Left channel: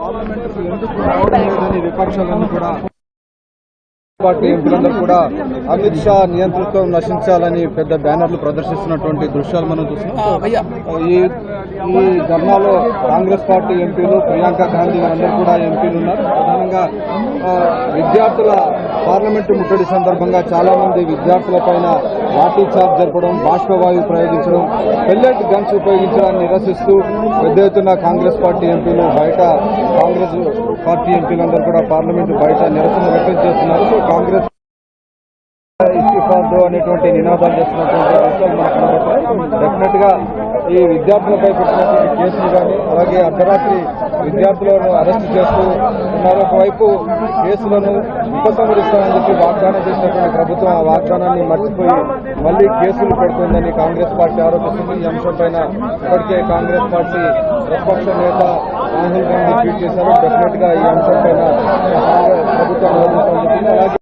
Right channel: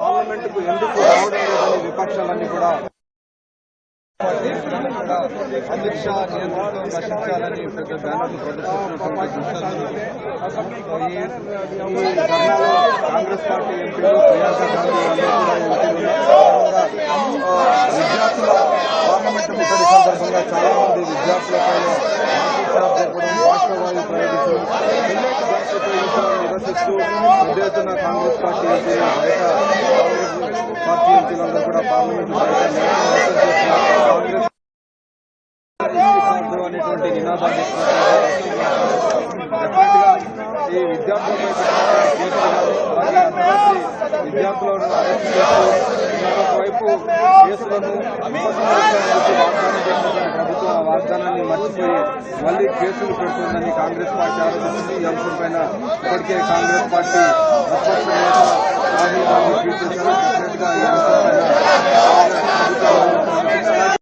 పార్లమెంటుకు ఎందుకు విపక్షాలన్నీ కూడా పార్టీ ఎంపీలందరూ కూడా అమిత్ షా నియంతృత్వం నశించాలని పెద్ద బ్యానర్లు ప్రదర్శిస్తున్నటువంటి దృశ్యాలు మనం చూస్తున్నాం. ఈ ధర్నాలో కాంగ్రెస్ పార్టీ ఎంపీలు, ప్రియాంక గాంధీ అందరూ కూడా ఎంపీలు ఉన్నారు. ప్రధానంగా విద్యార్థుల పార్లమెంటు ముట్టడి సందర్భంగా చాలా మంది విద్యార్థుల పైన లాఠీ చార్జ్ జరపడం, బాష్పవాయు ప్రయోగించడం, పెల్లెట్ గన్స్ ఉపయోగించడాన్ని నిరసిస్తూ పెద్ద ఎత్తున కాంగ్రెస్ పార్టీ ఎంపీలు బయట, కాంగ్రెస్ పార్టీ ఎంపీలందరూ కూడా పార్లమెంటు బయట నిరసన చేస్తున్నారు. కాంగ్రెస్ ఇస్తిఫాదు అనేటువంటి నినాదాలు చేస్తున్నటువంటి డెఫినెట్ గా ఈ విద్యార్థులపై పెట్టినటువంటి కేసులు కానీ, అలాగే అర్ధరాత్రి విద్యార్థులను అరెస్ట్ చేస్తూ ఉన్నారు. ఒకవైపు కేసులను ఉపసంహరించేందుకు వాగ్దానం చేసినటువంటి ప్రభుత్వం ఆ వాగ్దానాన్ని మర్చిపోయి మళ్లీ కేసులు పెడుతుందని కాంగ్రెస్ పార్టీ ఆరోపిస్తుంది. ఈ అంశంపైన ఇప్పటికే కాంగ్రెస్ పార్టీ ప్రతిపక్ష నేత రాహుల్ గాంధీ ట్వీట్ చేశారు. డెఫినెట్ గా ఈ అంశంపైన ప్రభుత్వం